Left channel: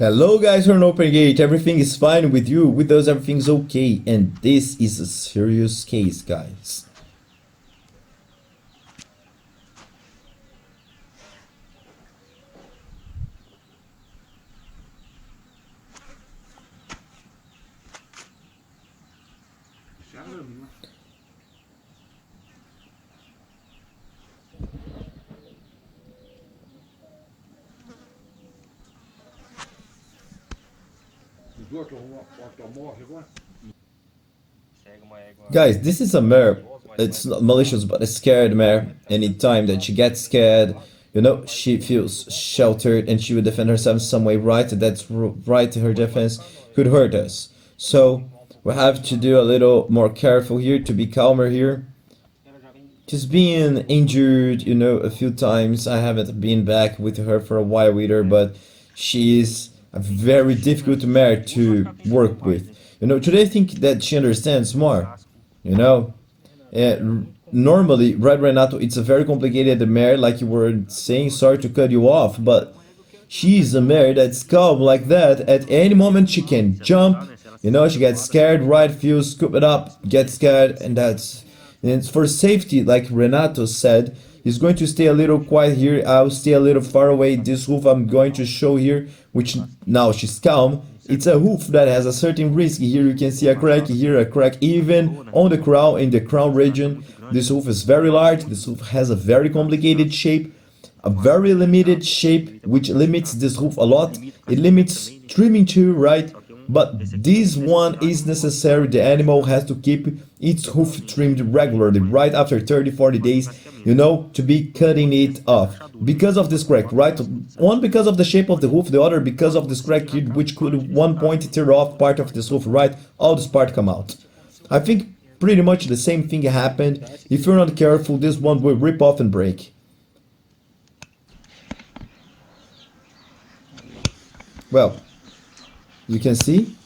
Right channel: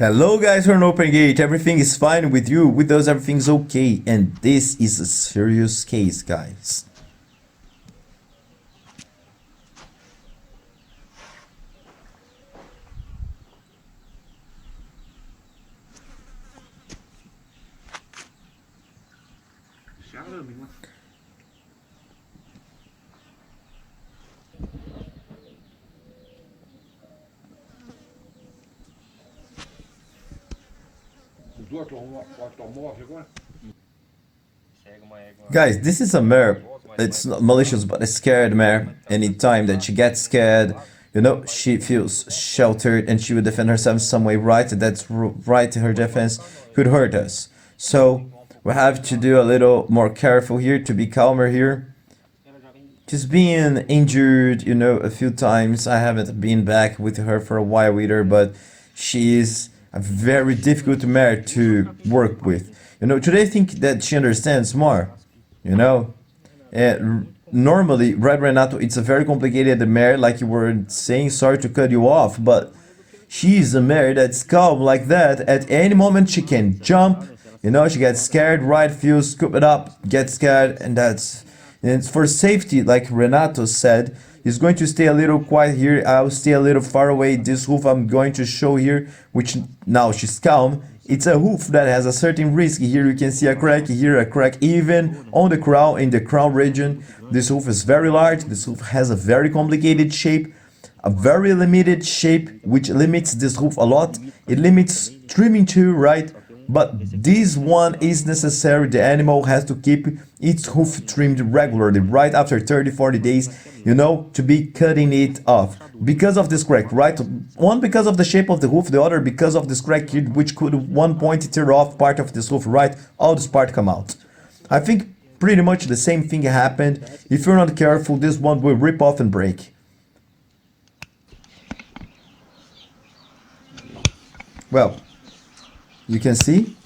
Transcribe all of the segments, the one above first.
Hello guys from Open Gate, everything is fine with you, with us everything's okay, and this is a serious case, guys. Guys, this is a mare. It's not malicious, but a scared mare. Anytime that she gets scared, she feels sheltered and she will defend herself in some way, right? That's right, her defense could hurt us. So, we have to do a little more careful here, to be calmer here. She's been injured, a few times. I haven't been back with her for a while either, but she is a very difficult mare to work with. Today I think that she understands more. Normally, right, Renato, it's a very complicated mare, like you were saying. Sorry to cut you off, but she's a mare that's calm like that. At any moment, she can jump. She gets scared, right? Feels scoop it up, gets scared, and and for safety, like Renato said, he's going to stay a little quiet here. I'll stay a little far away. This hoof I'm going to show here, which now she's calm. It's a hoof that has a certain risk. Here you can see a crack, here a crack, even on the crown, in the crown region. This hoof is very large. This hoof has a very complicated shape, a very limited shape, which limits this hoof a lot. It limits trimming too, right? But this one is necessary. The animal has to keep its hoof trimmed regularly, right after 30-40 days, to be cutting it off. Because of this crack, right? One because of the shape of the hoof, the other because of this crack, which could one point tear off part of this hoof, right? All this part come out. I think pretty much the same thing happened. If you're not careful, this one will rip off and break. Well, you can see.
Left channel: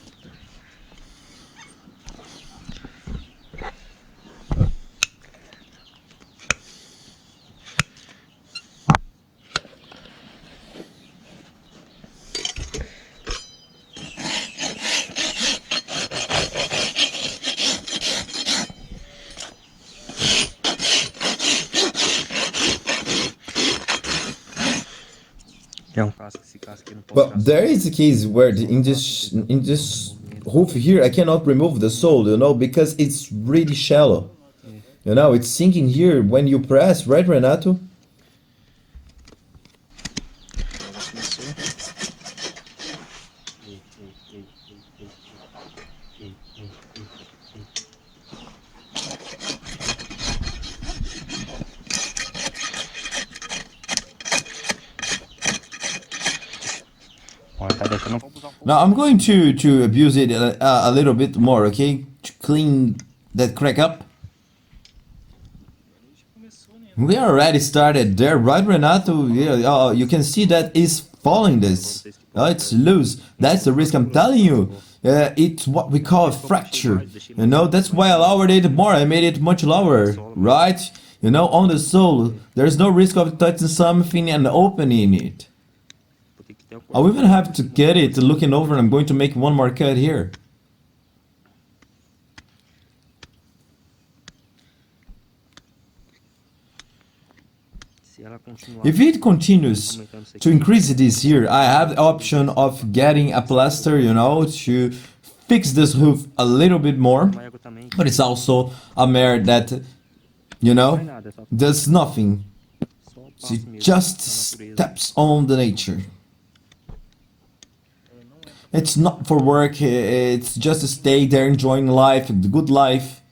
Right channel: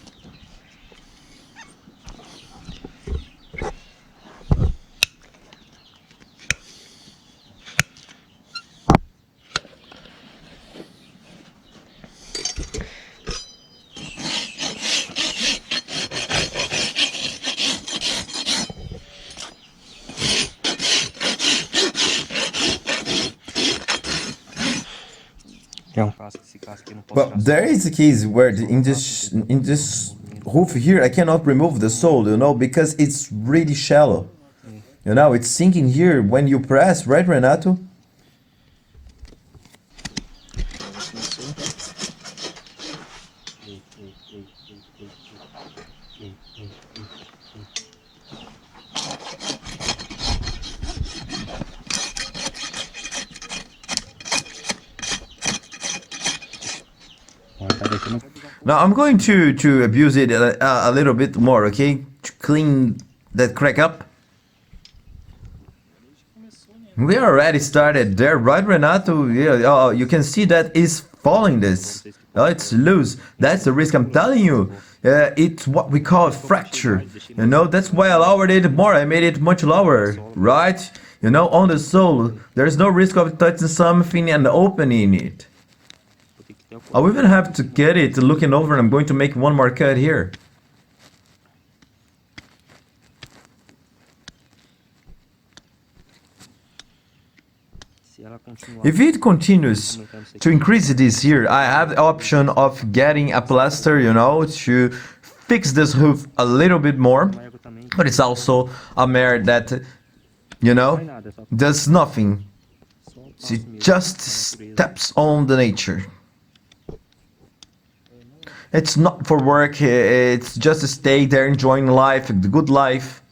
Well, there is a case where in this hoof here I cannot remove the sole, because it's really shallow. It's sinking here when you press, right, Renato? Now I'm going to abuse it a little bit more, okay? To clean that crack up. We already started there, right, Renato? Yeah, you can see that is falling this. It's loose. That's the risk, I'm telling you. It's what we call a fracture. That's why I lowered it more. I made it much lower, right? On the sole, there's no risk of touching something and opening it. I'll even have to get it looking over, and I'm going to make one more cut here. If it continues to increase this here, I have the option of getting a plaster, to fix this hoof a little bit more. But it's also a mare that, does nothing. She just steps on the nature. It's not for work, it's just to stay there enjoying life, the good life.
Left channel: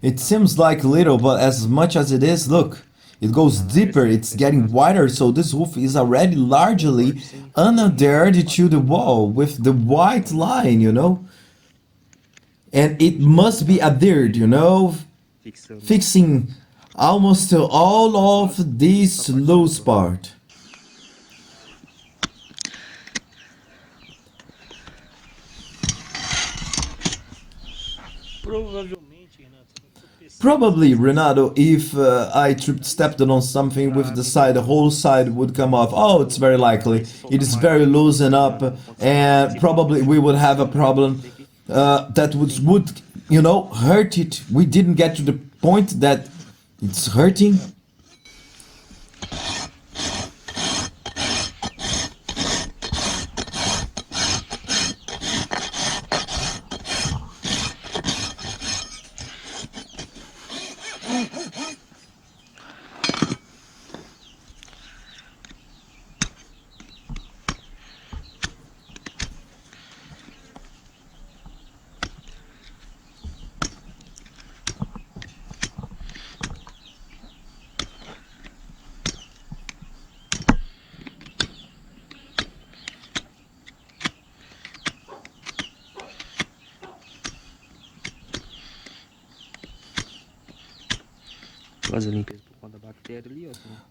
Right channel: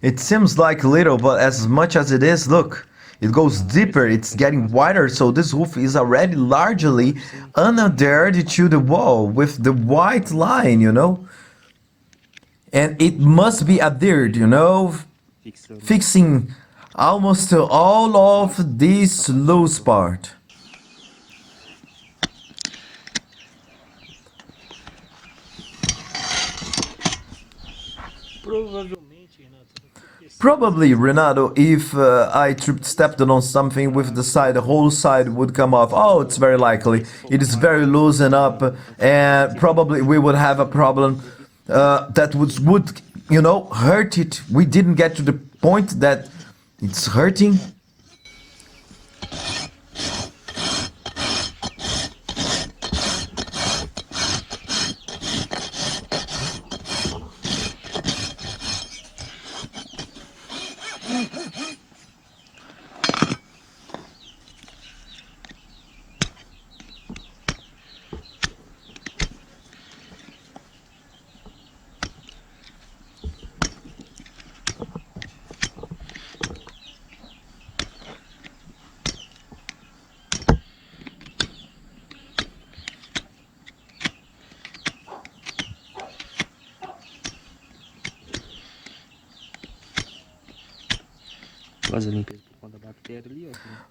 It seems like little, but as much as it is, look, it goes deeper, it's getting wider, so this hoof is already largely unadhered to the wall with the white line, And it must be adhered, fixing almost all of this loose part. Probably, Renato, if I stepped on something with the side, the whole side would come off. Oh, it's very likely. It is very loosened up, and probably we would have a problem that would, hurt it. We didn't get to the point that it's hurting.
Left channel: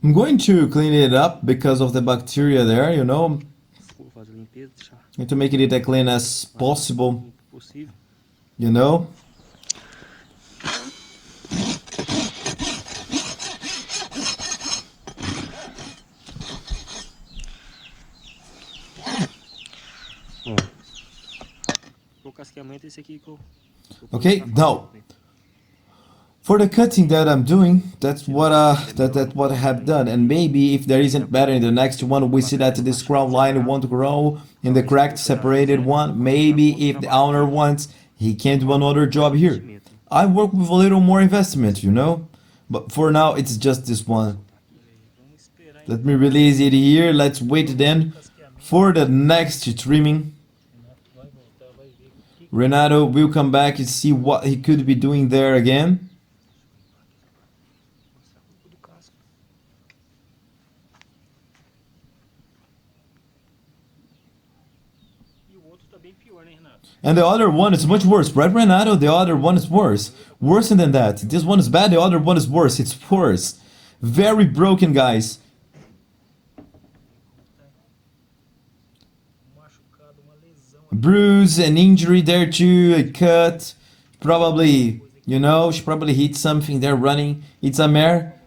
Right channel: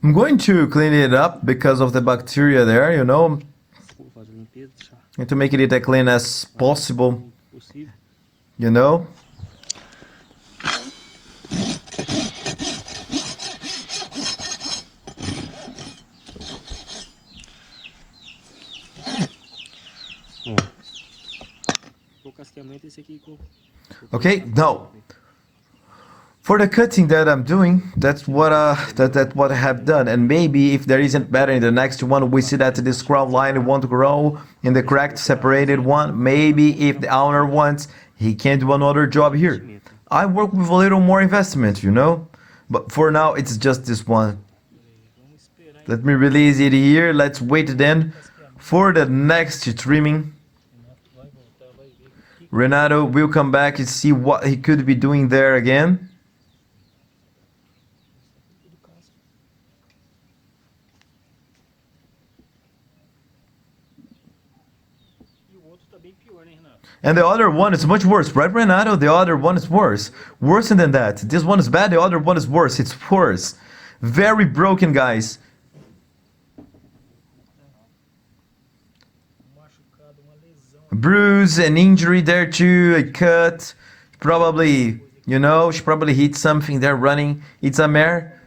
I'm going to clean it up because of the bacteria there, and to make it as clean as possible, you know. Okay, now for the cutting that I'm doing, that's what that's what I have done. And maybe if there isn't better in the next one, we see that this crown line won't grow in the cracked separated one. Maybe if the owner wants, he can do another job here. I work with a little more investment, but for now it's just this one. Let me release it here. Let's wait then for the next trimming. Renato will come back and see what he could be doing there again. And the other one is much worse, right, Renato? The other one is worse. Worse than that. This one is bad, the other one is worse. It's worse. Very broken, guys. Bruise, an injury there too, a cut. Probably, she probably hit something there running. It's a mare.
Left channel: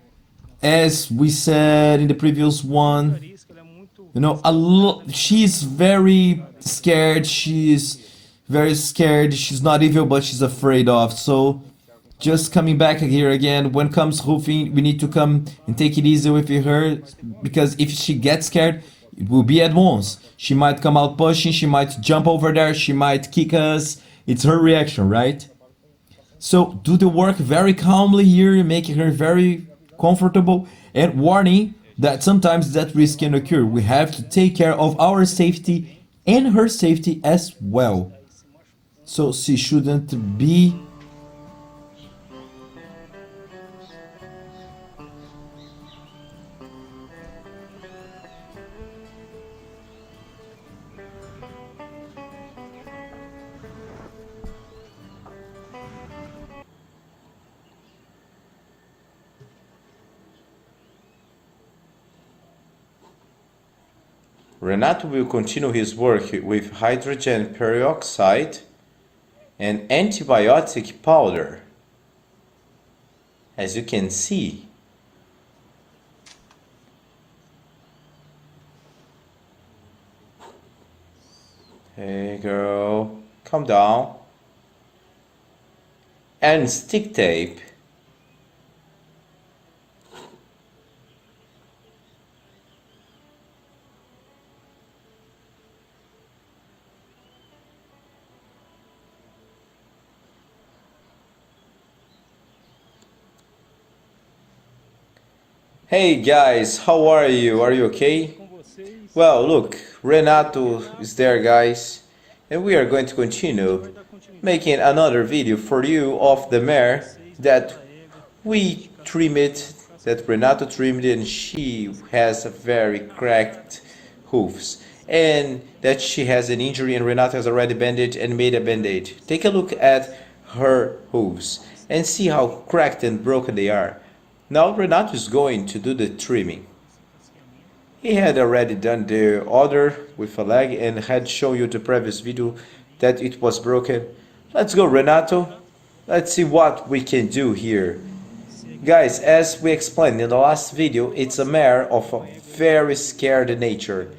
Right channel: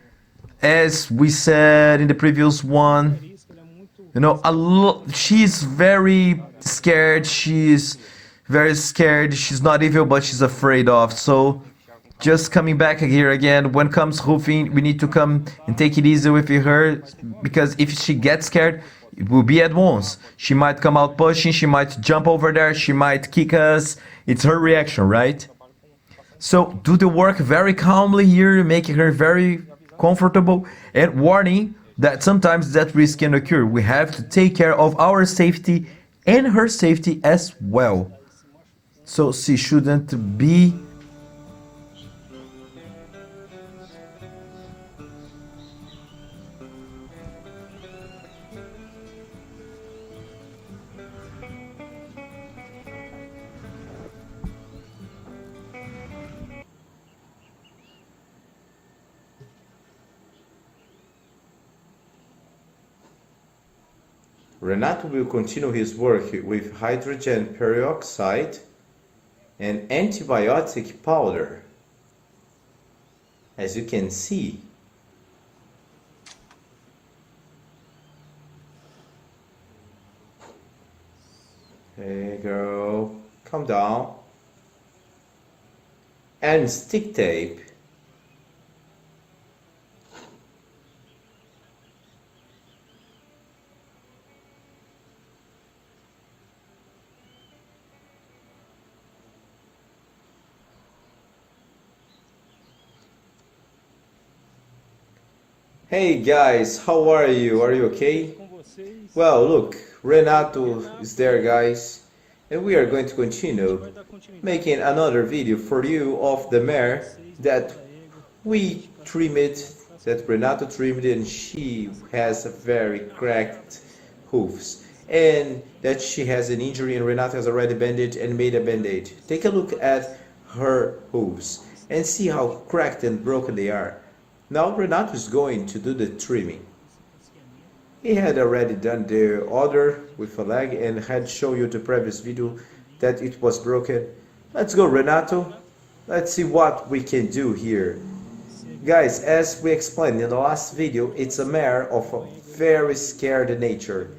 As we said in the previous one, she's very scared. She's very scared. She's not evil, but she's afraid of. So just coming back here again, when comes hoofing, we need to come and take it easy with her, because if she gets scared, it will be at once. She might come out pushing, she might jump over there, she might kick us. It's her reaction, right? So do the work very calmly here, making her very comfortable, and warning that sometimes that risk can occur. We have to take care of our safety and her safety as well. So she shouldn't be Renato will continue his work with hydrogen peroxide and antibiotic powder, as you can see. Hey girl, calm down. And stick tape. Hey guys, how are you? Are you okay? Well, look, Renato is there, guys, and we are going to continue making another video for you of the mare that we trimmed, that Renato trimmed, and she has a very cracked hoofs, and that she has an injury, and Renato has already bandaged and made a band-aid. Take a look at her hooves and see how cracked and broken they are. Now Renato is going to do the trimming. He had already done the other with a leg and had shown you the previous video that it was broken. Let's go, Renato. Let's see what we can do here. Guys, as we explained in the last video, it's a mare of a very scared nature.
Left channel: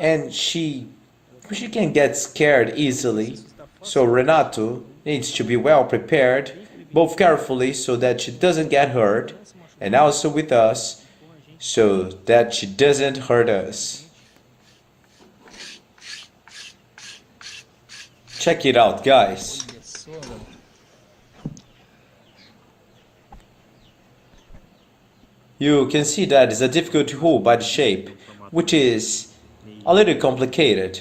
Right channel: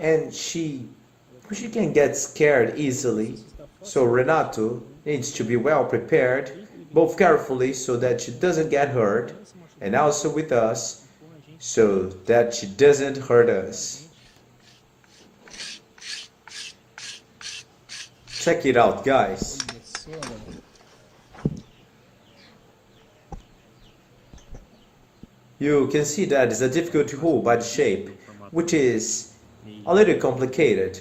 And she can get scared easily. So Renato needs to be well prepared, both carefully so that she doesn't get hurt, and also with us so that she doesn't hurt us. Check it out, guys. You can see that it's a difficult hoof by the shape, which is a little complicated.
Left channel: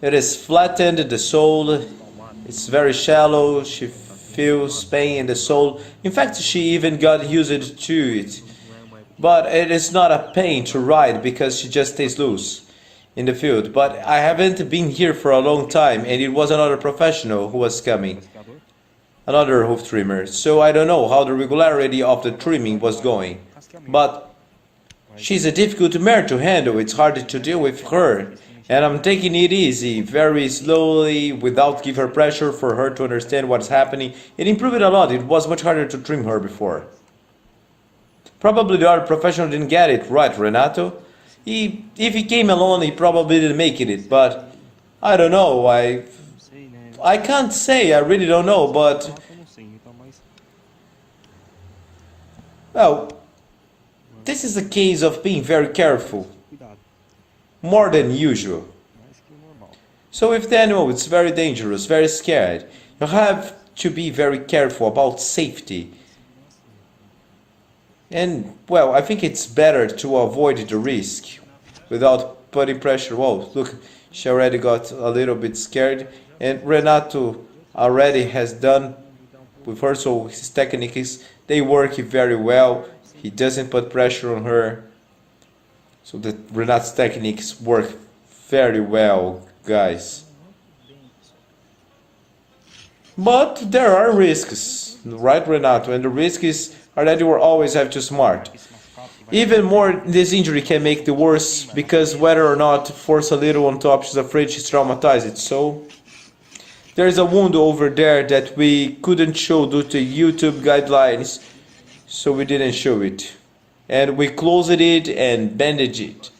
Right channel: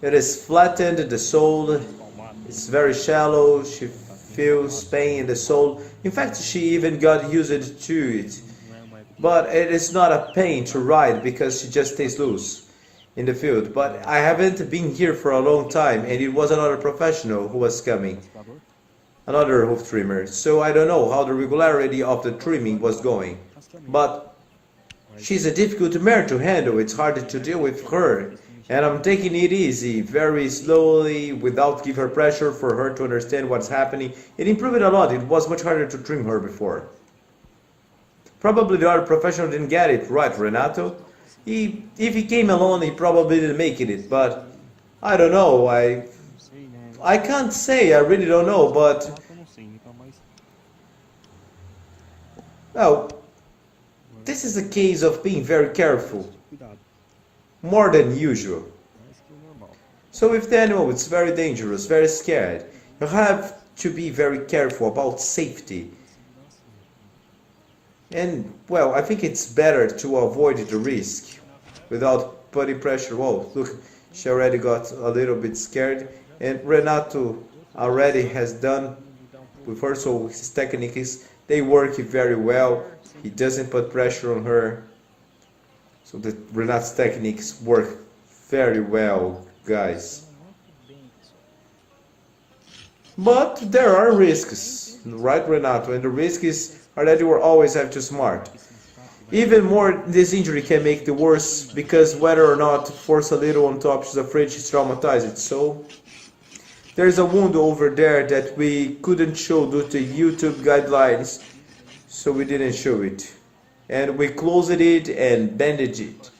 It is flattened, the sole, it's very shallow, she feels pain in the sole. In fact, she even got used to it. But it is not a pain to ride because she just stays loose in the field. But I haven't been here for a long time and it was another professional who was coming. Another hoof trimmer. So I don't know how the regularity of the trimming was going. But she's a difficult mare to handle, it's hard to deal with her. And I'm taking it easy, very slowly, without give her pressure for her to understand what's happening. It improved a lot, it was much harder to trim her before. Probably the other professional didn't get it right, Renato. If he came alone, he probably didn't make it, but I don't know, I can't say, I really don't know, but... Well, this is a case of being very careful. More than usual. So if the animal is very dangerous, very scared, you have to be very careful about safety. And, well, I think it's better to avoid the risk without putting pressure. Whoa, look, she already got a little bit scared. And Renato already has done with her, so his techniques, they work very well. He doesn't put pressure on her. So the Renato's techniques work very well, guys. But there are risks, right, Renato? And the risks are that you will always have to smart. Even more, this injury can make the worse because whether or not force a little on top, she's afraid she's traumatized. So there's a wound over there that we couldn't show due to YouTube guidelines, so we didn't show it. And we closed it and bandaged it.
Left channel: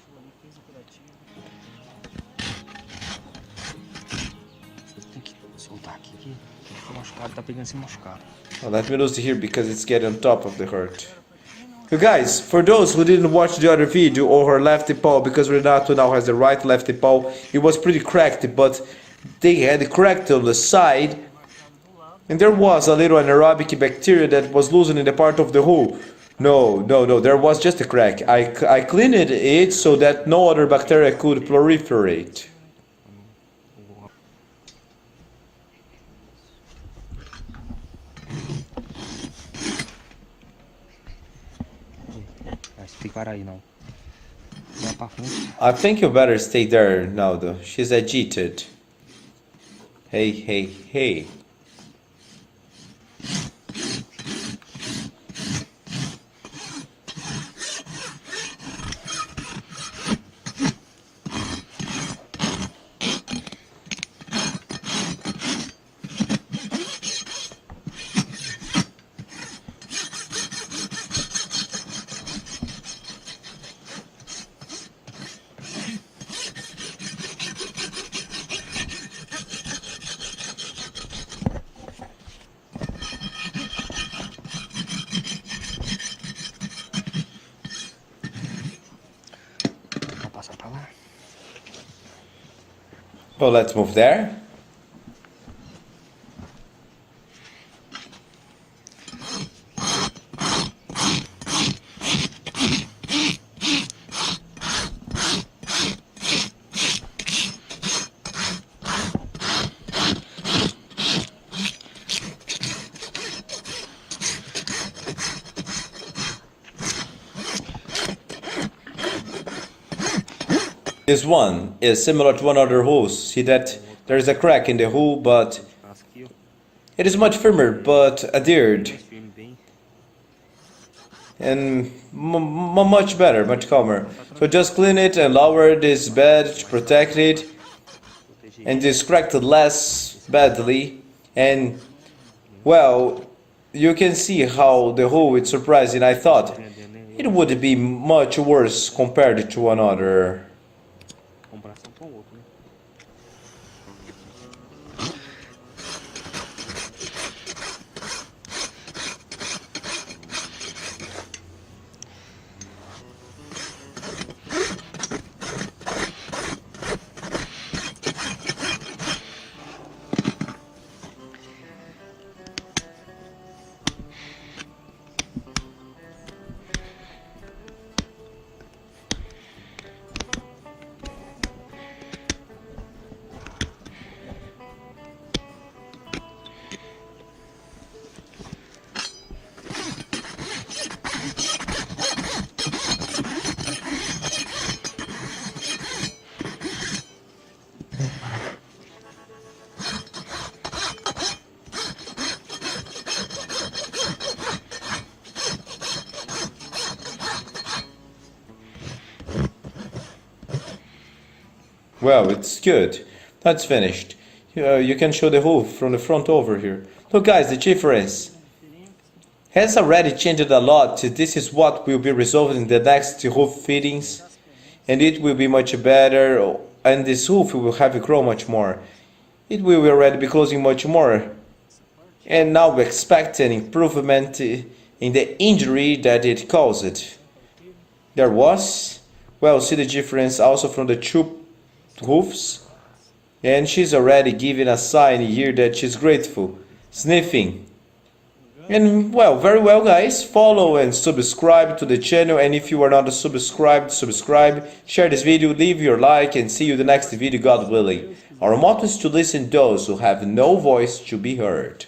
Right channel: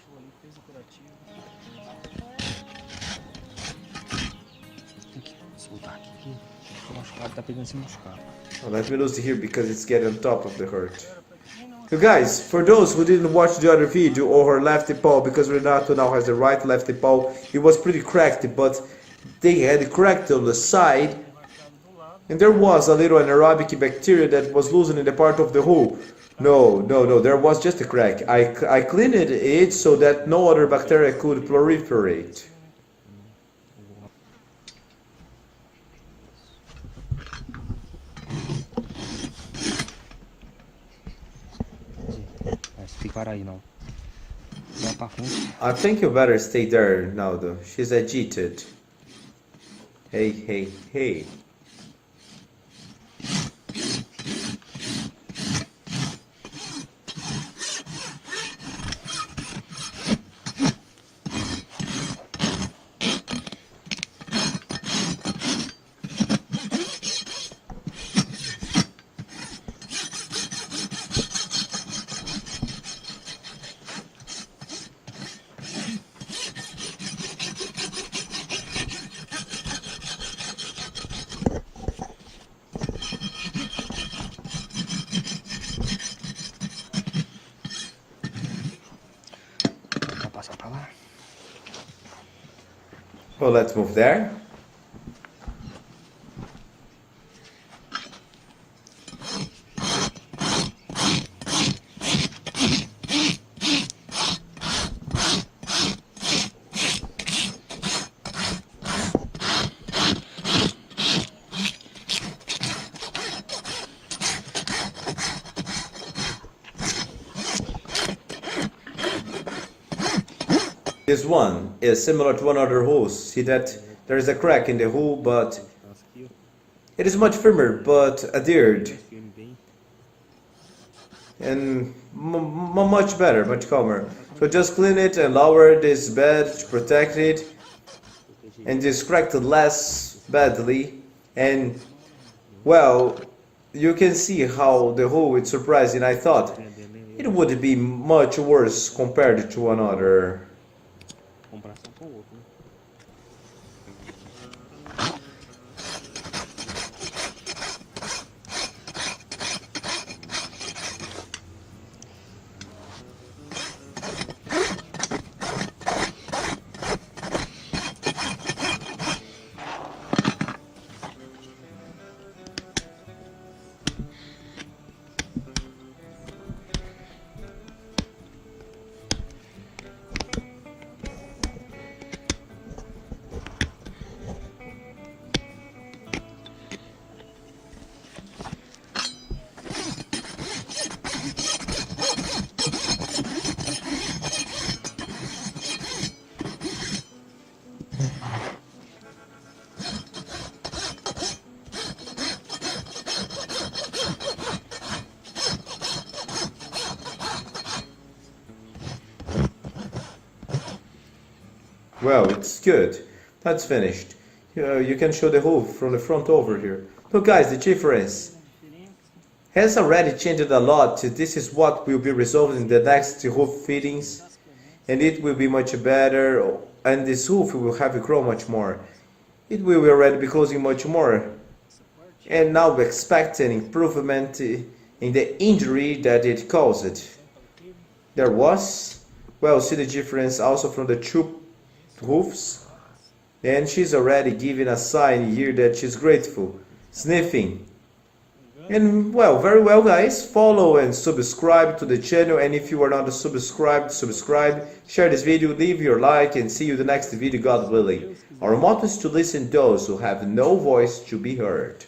Well, let me lose here because it's getting on top of the hurt. So guys, for those who didn't watch the other video or her lefty paw, because Renato now has the right lefty paw, it was pretty cracked, but they had cracked on the side, and there was a little anaerobic bacteria that was loosening the part of the hoof. No, there was just a crack. I cleaned it so that no other bacteria could proliferate. I think you better stay there now though. She's agitated. Hey. Well, let's move there. This one is similar to another hose. See that there is a crack in the hole, but it is much firmer but adhered. And much better, much calmer. So just clean it and lower this bed to protect it. And just crack it less badly. And Well, you can see how the whole is surprising. I thought Entendendo? it would be much worse compared to another. Comparação com o outro, né? Well, it's good. That's finished. You can show the hoof from the front over here. Look guys, the difference has already changed a lot. This is what will be resolved in the next hoof fittings. And it will be much better. And this hoof will have grown much more. It will already be closing much more. And now we expect an improvement in the injury that it caused. There was, well, see the difference also from the two hoofs. And she's already giving a sign here that she's grateful, sniffing. And well, very well guys, follow and subscribe to the channel, and if you are not subscribed, subscribe, share this video, leave your like, and see you in the next video, God willing. Our motto is to listen to those who have no voice to be heard.